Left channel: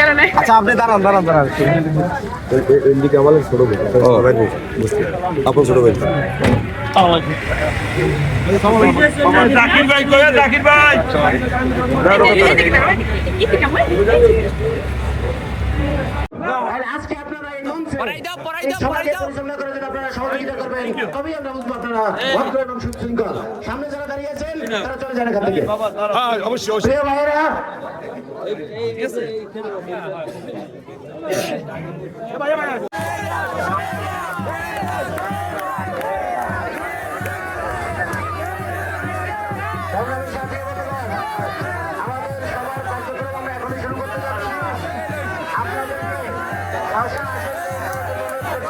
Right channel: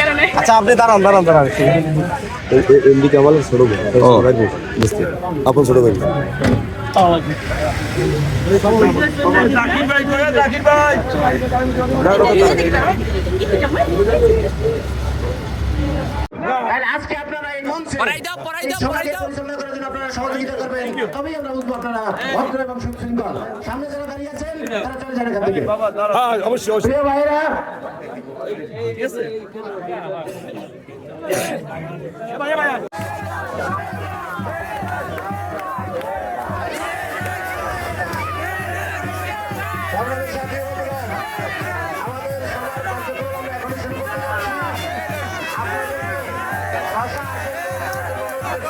কারণে। আচ্ছা আপনি দাঁড়ান দাঁড়ান দাঁড়ান। এমদিকে আমার ছোট ভাই রাখব বুঝতে আপন ছোট ভাই জাকির ভাই কয়া জাকির ভাই আজকে আপনারা এই পড়াই দাও, পড়াই দাও, পড়াই দাও। পরিচালনা করার জন্য আপনারা সহযোগিতা করবেন। তবেই আমরা বুঝব আপনারা ভদ্র এবং সুশৃঙ্খল সামনে যারা দাঁড়িয়ে আছেন তারা চলে যান এখান থেকে। হ্যাঁ অবশ্যই অবশ্যই। প্রিয় ভাইয়েরা আমাদের সবার কার্যক্রম আমরা এখনই শুরু করতে যাচ্ছি। আপনাদেরকে